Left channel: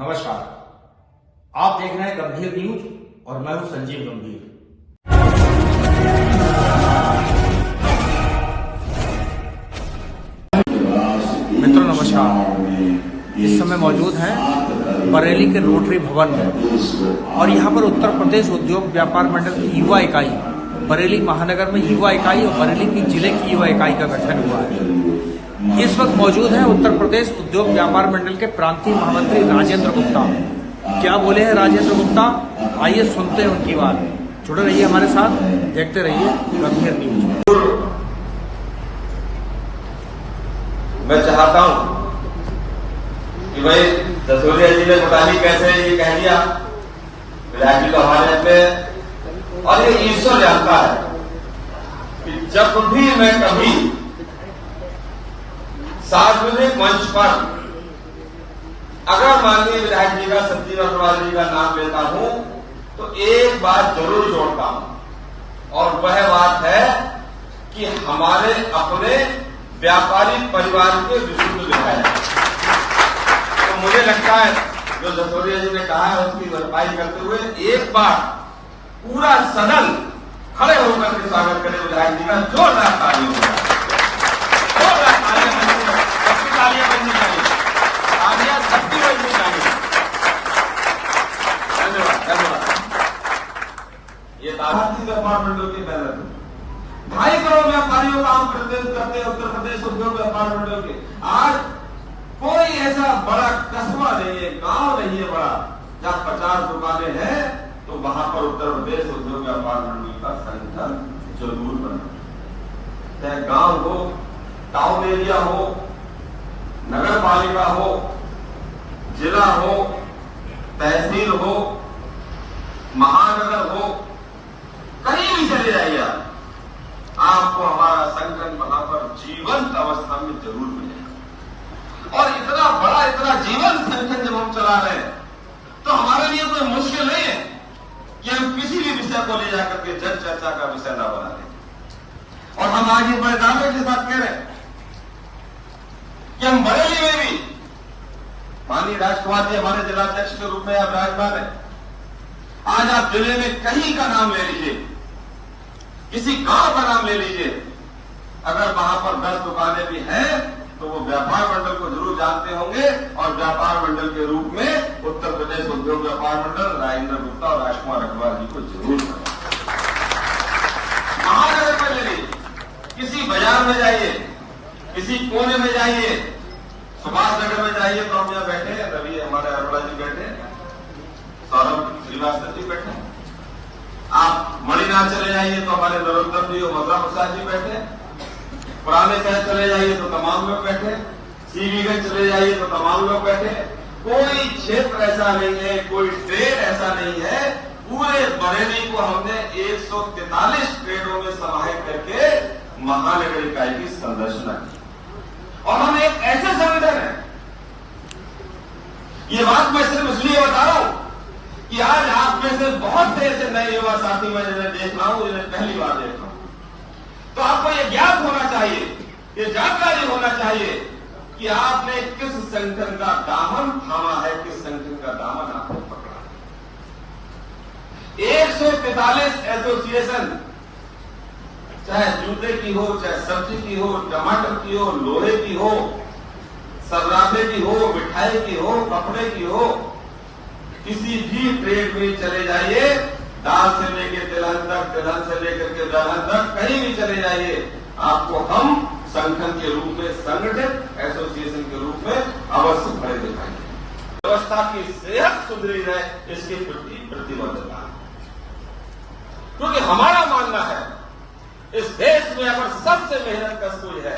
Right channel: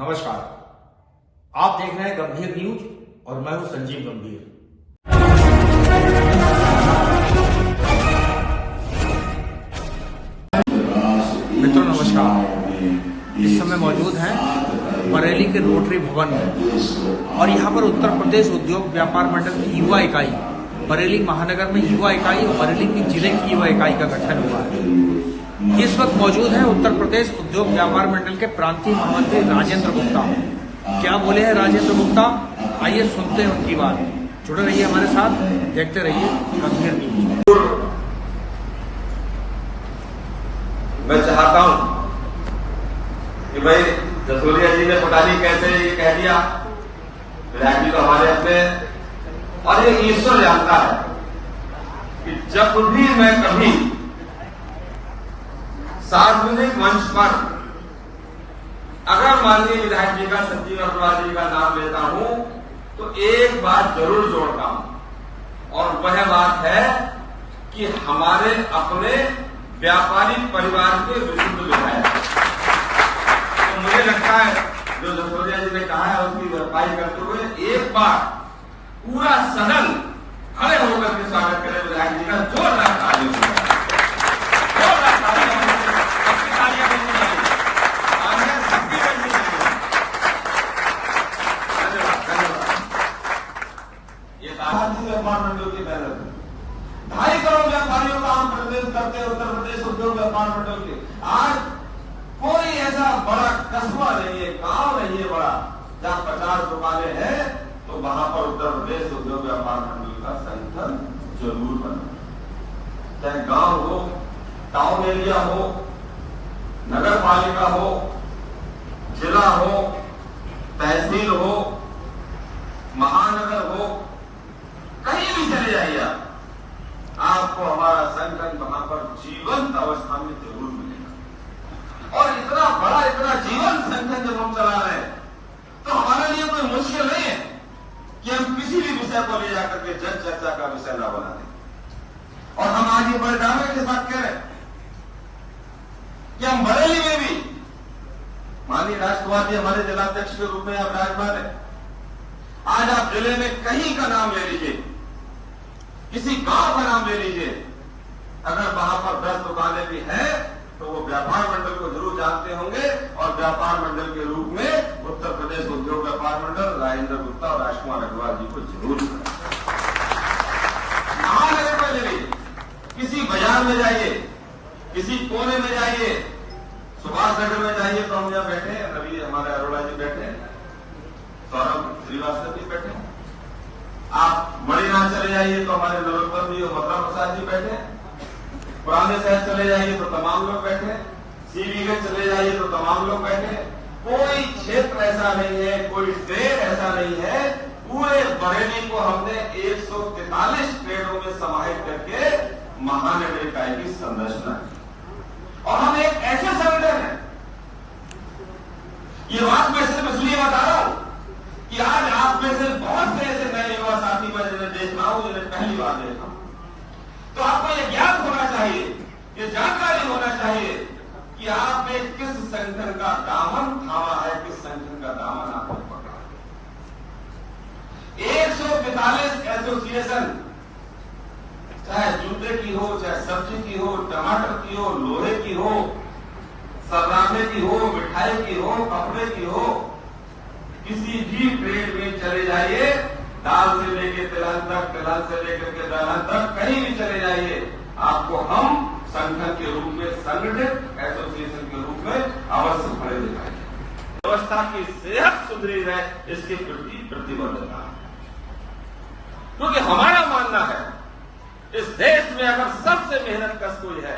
नमस्कार, आप देख रहे हैं गंभीर न्यूज और मैं हूं संजीव गंभीर। मित्रों नमस्कार, इस समय मौजूद हैं बरेली के रोटरी भवन में और यहां पर उत्तर प्रदेश उद्योग व्यापार मंडल की युवा इकाई बरेली महानगर में युवा इकाई और बरेली की जिले की युवा इकाई का गठन हुआ है। इस वक्त मौजूद हैं उत्तर प्रदेश उद्योग व्यापार मंडल के प्रांतीय महामंत्री राजेंद्र गुप्ता। क्या बोले हैं राजेंद्र गुप्ता, आइए सुनते हैं उनकी बात। जुड़े रहिए हमारे साथ, देखते रहिए गंभीर न्यूज। मैं चाहता हूं कि भाई दसूरिया जी ने घोटाली कैसे ये कह दिया, विधायक जी तो हमारे अपने, और ये ईश्वर जानता है कि जब भी मैं कभी सार्वजनिक मंच पर अगर माननीय विधायक जी का, संजीव अग्रवाल जी का नाम लेता हूं तो एक बात जरूर जोड़ता हूं, और वह बात है कि हमारे अपने व्यापारी परिवार के विशुद्ध विधायक। तो मुझे लगता है जो दसूरिया जी ने कहा है उसकी भरपाई करते हुए एक बार पूरा सदन खड़े होकर के स्वागत करें विधायक जी का। जोरदार तालियों से, जोरदार तालियां करनी चाहिए, तालियां सबकी बजनी चाहिए। धन्यवाद, धन्यवाद। ये भारतीय व्यापार मंडल की पहल 2.5 करोड़ व्यापारियों का हम प्रतिनिधित्व करते हैं उत्तर प्रदेश उद्योग व्यापार मंडल के। आज कोई ऐसा बड़ा कस्बा नहीं है, गांव नहीं है बड़ा, जहां 50 दुकानें हैं तो वहां पर उत्तर प्रदेश उद्योग व्यापार मंडल का संगठन जरूर बना। चाहे गांव हो, टाउन एरिया हो, नगर पालिका हो, जिला हो, तहसील हो, महानगर हो, कहीं भी चले जाइए आपको हमारा संगठन वहां पर जीवंत अवस्था में जरूर मिलेगा। और इतना बड़ा, इतना जीवंत संगठन जब हम चला रहे हैं तो हमारे लिए कोई मुश्किल नहीं है कि हम किसी भी विषय को ले जाकर के जन चर्चा का विषय ना बना दें। और हम आज ये बड़े दावे के साथ कह रहे हैं कि हम बरेली में भी माननीय राजकुमार जी हमारे जिलाध्यक्ष के रूप में आप विराजमान है। आज आप जिले में कहीं का नाम ले लीजिए, किसी गांव का नाम ले लीजिए, अगर वहां पर 10 दुकानें भी हैं तो वो व्यापार मंडल को जरूर जानते होंगे, और व्यापार मंडल के रूप में उत्तर प्रदेश उद्योग व्यापार मंडल राजेंद्र गुप्ता और राजकुमार अग्रवाल जी को जरूर महानगर में ले लीजिए, किसी बाजार में जाइए, किसी कोने में जाइए, सुभाष नगर में जाइए तो हम यहाँ बैठे हैं, रवि हमारे अरोड़ा जी बैठे हैं, सौरभ श्रीवास्तव जी बैठे हैं। आप मणिनाथ चले जाइए तो हमारे नरोत्तम जी और मथुरा प्रसाद जी बैठे हैं। पुराने शहर चले जाइए तो तमाम लोग बैठे हैं। सीवीगंज चले जाइए तो तमाम लोग बैठे हैं। कोई क्षेत्र ऐसा नहीं है, कोई ट्रेड ऐसा नहीं है, पूरे बरेली को हमने 143 ट्रेडों में समाहित करके महानगर इकाई की संरचना की। और हम एक ऐसे संगठन है, ये बात मैं सिर्फ इसलिए बता रहा हूं कि आज आप में से बहुत से ऐसे नए युवा साथी मैं जिन्हें देख रहा हूं, जिन्हें पहली बार देख रहा हूं, तो आपको ये ज्ञान होना चाहिए, ये जानकारी होना चाहिए कि आपने किस संगठन का दामन थामा है, किस संगठन का दामन आपने पकड़ा है। 143 एसोसिएशन, चाहे जूते की हो, चाहे सब्जी की हो, टमाटर की हो, लोहे की हो, सर्राफे की हो, मिठाई की हो, कपड़े की हो, किसी भी ट्रेड में चले जाइए, दाल से लेकर तिलहन तक, तिलहन से लेकर के दलहन तक, कहीं भी चले जाइए, आपको हम संगठन के रूप में, संगठित एसोसिएशन के रूप में अवश्य खड़े दिखाएंगे। व्यवस्था की सेहत सुधरी रहे, इसके प्रति प्रतिबद्धता, क्योंकि हमारा मानना है इस देश में अगर सबसे मेहनत कश कोई है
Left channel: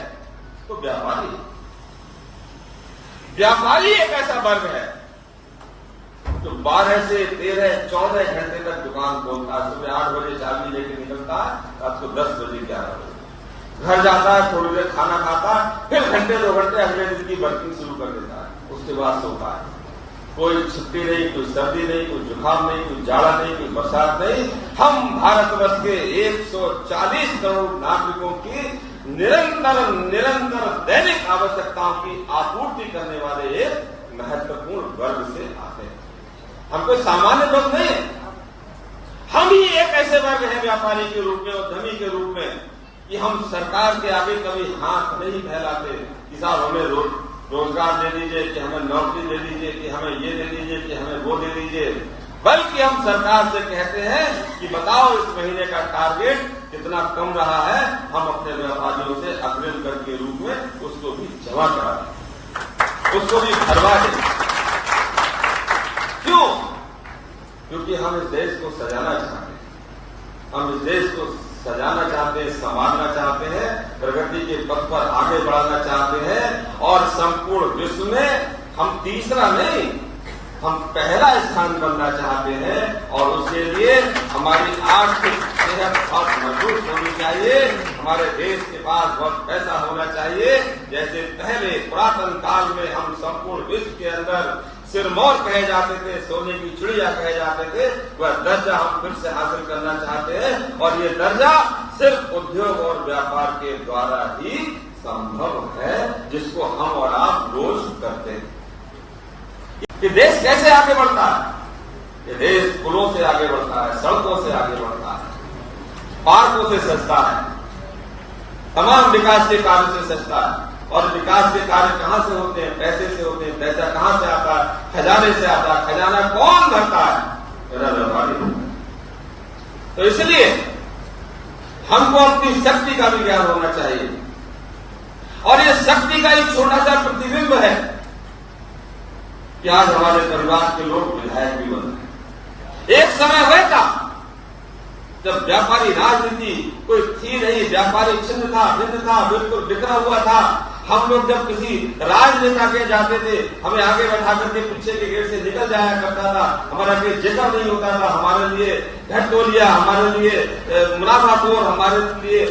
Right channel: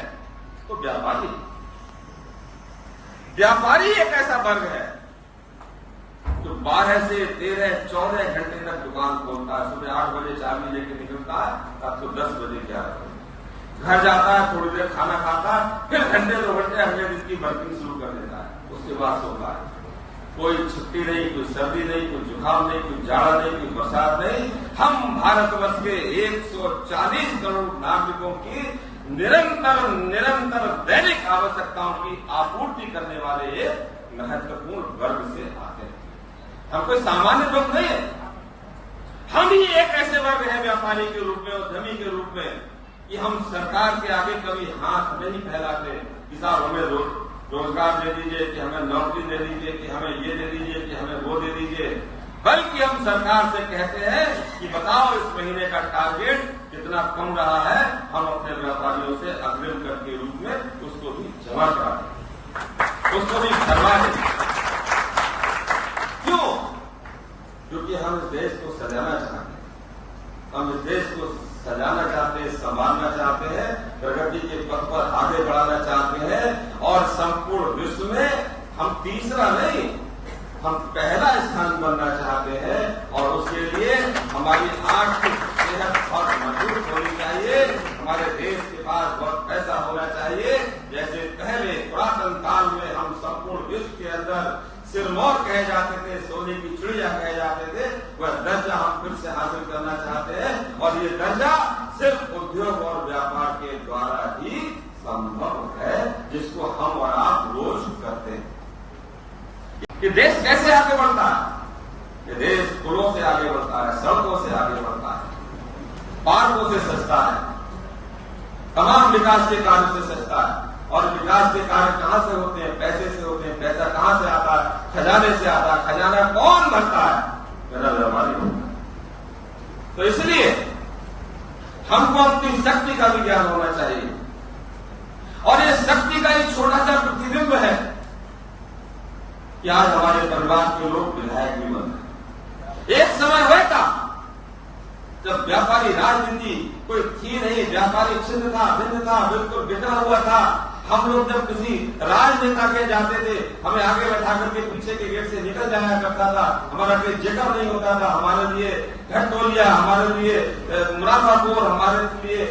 तो व्यापारी। व्यापारी एक ऐसा वर्ग है तो 12 से 13, 14 घंटे तक दुकान खोलता है। सुबह 8 बजे चाबी लेके निकलता है, रात को 10 बजे 11 बजे घर जाता है, थोड़ी देर खाना खाता है, फिर घंटे 2 घंटे अगले दिन की वर्किंग शुरू कर देता है, उसके बाद सोता है। कोई छुट्टी नहीं, कोई सर्दी नहीं, कोई जुकाम नहीं, कोई जाड़ा नहीं, कोई बरसात नहीं। हम भारतवर्ष के 140 करोड़ नागरिकों की निरंतर दैनिक आवश्यकताओं की आपूर्ति करने वाले एक महत्वपूर्ण वर्ग से आते हैं। हम कोई सामान्य लोग नहीं है। हम ही एक ऐसे वर्ग हैं व्यापारी के रूप में, उद्यमी के रूप में, कि हम सरकार के आगे कभी हाथ नहीं फैलाते कि साहब हमें रोजगार दे दीजिए, कि हमें नौकरी दे दीजिए, कि हमें ये दे दीजिए, कि हमें वो दे दीजिए। बल्कि हम सरकार से कहते हैं कि बताओ इस महीने का टारगेट कितना कम रहा है, हम अपने व्यापारियों से अग्रिम कर के रूप में उसको भी जमा करा दें, उसको भी भरवा दें। क्यों? क्योंकि हम इस देश को सजाना चाहते हैं, हम इस देश को सजाना चाहते हैं, संभालना चाहते हैं, प्रगति के पथ पर आगे बढ़ाना चाहते हैं, और संपूर्ण विश्व में हम तीसरा नहीं, हम पहला स्थान बनना चाहते हैं। और उसके लिए हमारी आर्थिक सेहत बहुत मजबूत होनी चाहिए, हमारे देश के पास बहुत पैसा होना चाहिए। जैसे पहले पुरातन काल में हम संपूर्ण विश्व के अंदर सिरमौर कहे जाते थे, सोने की चिड़िया कहे जाते थे, वह दर्जा हम फिर से हासिल करना चाहते हैं। और ये दर्जा सिर्फ उद्योग और व्यापार के द्वारा ही संभव है, जिसको हम और आप रोज करते हैं। ये देश कैसे आगे बढ़ता है? ये देश पुलों से आगे बढ़ता है, सड़कों से आगे बढ़ता है, पार्कों से सजता है, तमाम विकास के कार्य से सजता है। और विकास के कार्य कहां से होते हैं? पैसे से होते हैं। पैसा कहां से आता है? खजाने से आता है। खजाना कौन भरता है? मेरा व्यापारी होता है। तो इसलिए हमको अपनी शक्ति का भी ज्ञान होना चाहिए, और ये शक्ति का एक छोटा सा प्रतिबिंब है कि आज हमारे परिवार के लोग विधायक भी बन रहे हैं। एक समय हुआ था जब व्यापारी राजनीति कोई थी नहीं, व्यापारी छिन्न था, भिन्न था, बिल्कुल बिखरा हुआ था। हम लोग जब किसी राजनेता के जाते थे, हमें आगे बैठा करके पीछे के गेट से निकल जाया करता था, हमारा कोई जिक्र नहीं होता था, हमारे लिए घटतोलिया, हमारे लिए मुनाफाखोर, हमारे लिए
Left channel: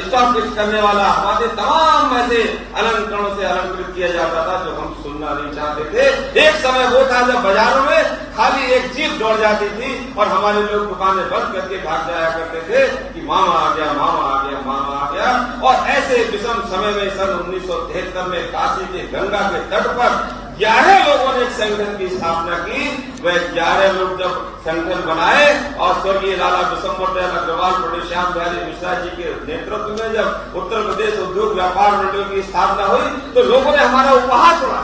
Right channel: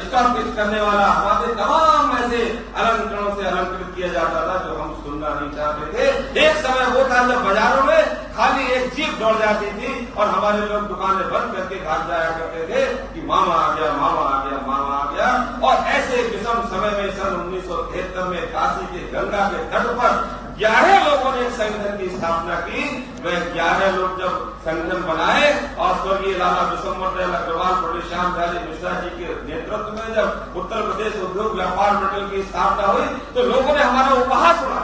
स्टॉक फिक्स करने वाला, हमारे तमाम ऐसे अलंकरणों से अलंकृत किया जाता था जो हम सुनना नहीं चाहते थे। एक समय वो था जब बाजारों में खाली एक जीप दौड़ जाती थी और हमारे लोग दुकानें बंद करके भाग जाया करते थे कि मामा आ गया, मामा आ गया, मामा आ गया। और ऐसे विषम समय में सन 1973 में काशी के गंगा के तट पर 11 लोगों ने एक संगठन की स्थापना की। वह 11 लोग जब संगठन बनाए और स्वर्गीय लाला विशंबर दयाल अग्रवाल, पंडित श्याम दयाल मिश्रा जी के नेतृत्व में जब उत्तर प्रदेश उद्योग व्यापार मंडल की स्थापना हुई, तो लोगों ने हमारा उपहास सुना।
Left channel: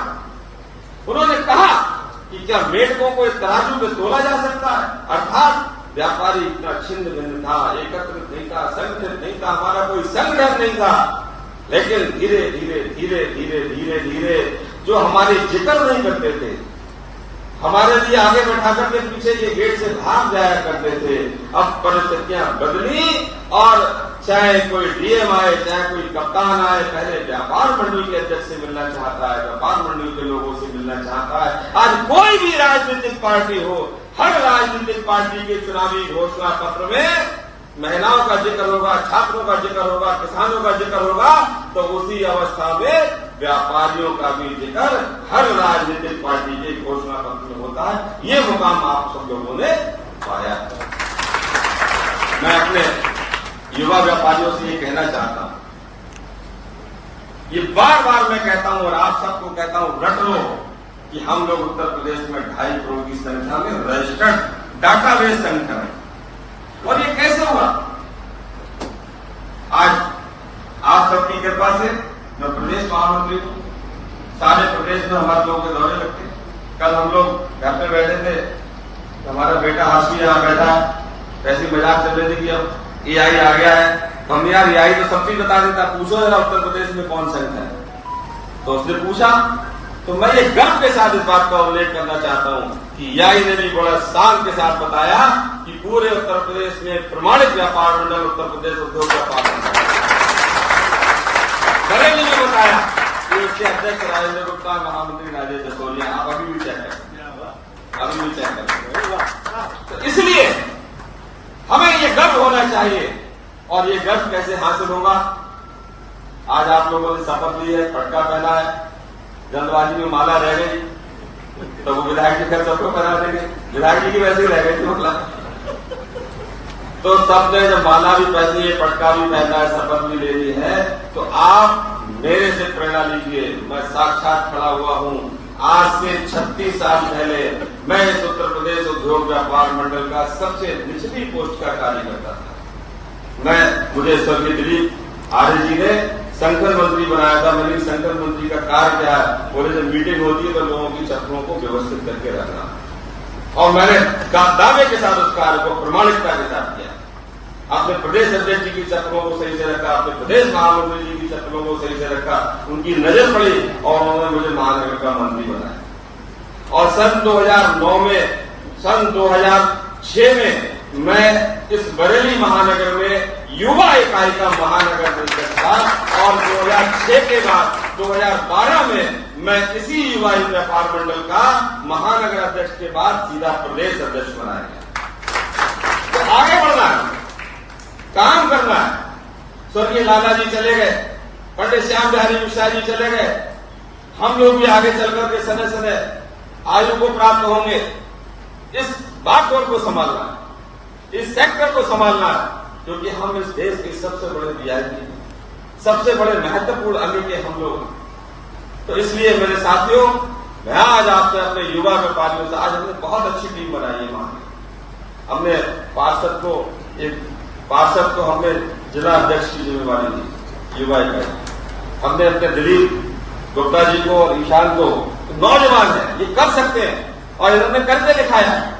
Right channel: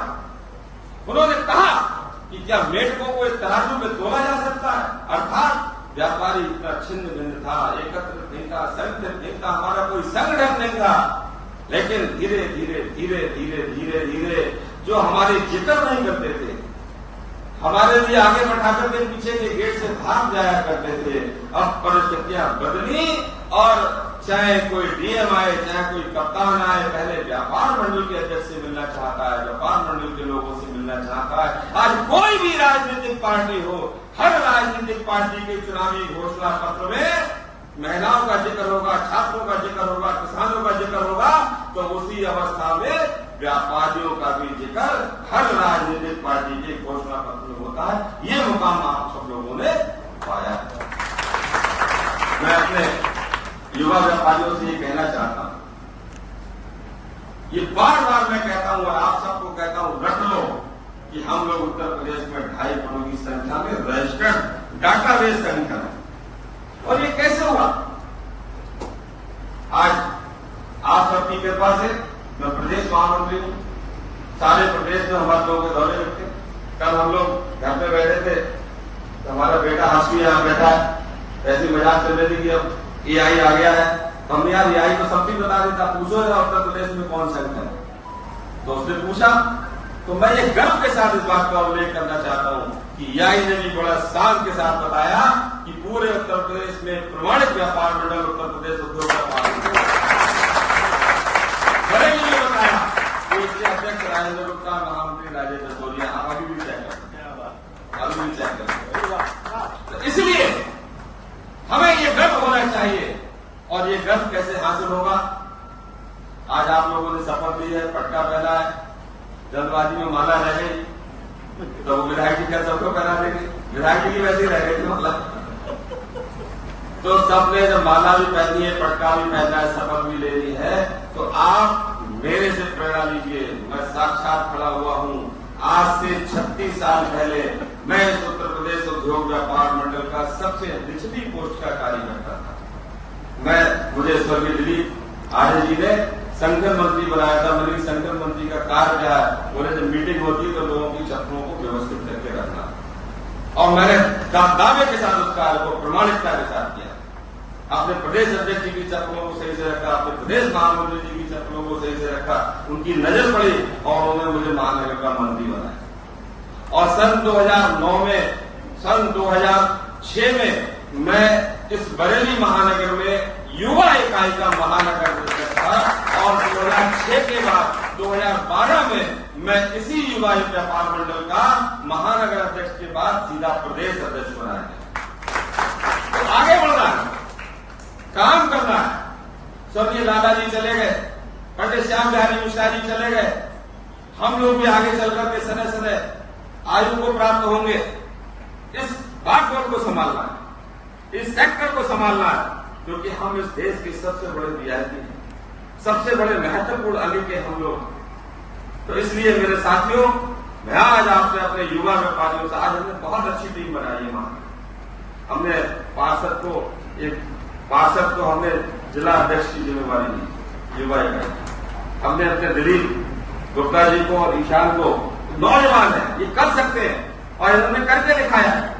उन्होंने कहा कि क्या मेढकों को एक तराजू में तोला जा सकता है? अर्थात व्यापारी इतना छिन्न भिन्न था, एकत्रित नहीं था, संगठित नहीं था, हमारा कोई संगठन नहीं था। लेकिन धीरे धीरे धीरे धीरे धीरे धीरे जो हमारे जिक्र नहीं करते थे, हमारे लिए आगे बैठा करके पीछे के गेट से भाग जाया करते थे, अब परिस्थितियां बदली। और चाहे कोई डीएम आए, चाहे कोई कप्तान आए, पहले व्यापार मंडल के अध्यक्ष से मिलना चाहता है, व्यापार मंडल के लोगों से मिलना चाहता है। आज कोई भी राजनीतिक पार्टी हो, हर राजनीतिक पार्टी के चुनावी घोषणा पत्र में महिलाओं का जिक्र होगा, छात्रों का जिक्र होगा, किसानों का जिक्र होगा। तो उसी अवस्था में व्यापारियों का भी जिक्र हर राजनीतिक पार्टी के घोषणा पत्र में होता है। ये मुकाम आप सब लोगों ने पाया। मैं अपने युवा व्यापारियों से ये कहना चाहता हूं, ये बार बार मैं कहता हूं और आप सबको कहता हूं, रट लो कि हम लोग उत्तर प्रदेश में 2.5 करोड़ की संख्या में रजिस्टर्ड डाटाबेस संगठन है। और ये कैसे हुआ? आज आप सबकी कृपा से मैं प्रदेश महामंत्री हूं, सारे प्रदेश में हमारे लोगों के दौरे रखे। कल हम लोग घर में बैठे थे, हमारा बेटा हंसी यहाँ बैठा, ऐसी मजाक चल रही थी कि अब एआई आ गया है। तो हमने यार एआई तो सब भी बता देता, पूछो जरा उत्तर प्रदेश में कौन संगठन है। तो उसने पूछा, तो मैं ये गर्व के साथ इस बात का उल्लेख करना चाहता हूं कि एआई ने भी बड़ा शान के साथ बताया कि पूरे उत्तर प्रदेश में प्रमाणित व्यापार मंडल उत्तर प्रदेश उद्योग व्यापार मंडल बरेली ने बताया कि उसके अध्यक्ष राजेंद्र गुप्ता, महामंत्री राजेश असोरिया। आप अभी भी चेक करें, अभी भी चेक करें। तो इसलिए हमें ये गर्व होना चाहिए। और ये गर्व कैसे हासिल होगा? आज आप लोगों ने शपथ ली है, पटका पहना है, जल्दबाजी में माला रह गई, तो वो विधायक जी फिर सबको करा देंगे। विधायक जी की वैसे ही रह गई थी मतलब। तो सबने जब माला भी पहनी है, पटका भी पहना है, शपथ भी ले ली है, तो आप मेरे से प्रेरणा लीजिए। मैं साक्षात खड़ा हुआ हूं, आज से 36 साल पहले मैं इस उत्तर प्रदेश उद्योग व्यापार मंडल का सबसे निचली पोस्ट का कार्य करता था। मुझे स्वर्गीय दिलीप आर्य जी ने संगठन मंत्री बनाया था। मेरी संगठन मंत्री का कार्य क्या है, बोले जब मीटिंग होती है तो लोगों की चप्पलों को व्यवस्थित करके रखना, और मैंने दावे के साथ उस कार्य को प्रमाणिकता के साथ किया। अपने प्रदेश अध्यक्ष जी की चप्पलों को सही से रखा, अपने प्रदेश महामंत्री जी की चप्पलों को सही से रखा, उनकी नजर पड़ी और उन्होंने मुझे महानगर का मंत्री बनाया। और सन 2006 में मैं इस बरेली महानगर में युवा इकाई का महानगर परिषद था, और 2006 के बाद 2012 में मैं इसी युवा व्यापार मंडल का महानगर अध्यक्ष के बाद सीधा प्रदेश अध्यक्ष बनाया गया। तो आगे बढ़ना है, काम करना है। स्वर्गीय लाला जी चले गए, पंडित श्याम बिहारी मिश्रा जी चले गए, हम लोग भी आगे चलकर के समय समय आयु को प्राप्त होंगे। इस बागवान को संभालना, इस सेक्टर को संभालना, क्योंकि हम इस देश के सबसे बड़े वीआईपी, सबसे बड़े महत्वपूर्ण अंग के हम लोग। तो इसलिए मेरे साथियों, मैं आज आपसे अपने युवा व्यापारियों से, आज हमने बहुत अच्छी टीम बनाई है वहां। हमने पार्षद को हमने जिला अध्यक्ष की जिम्मेवारी दी, युवा इकाई। हमने अपने दिलीप गुप्ता जी को और ईशान को, नौजवान है, ये कर सकते हैं और इन्होंने करके दिखाया है।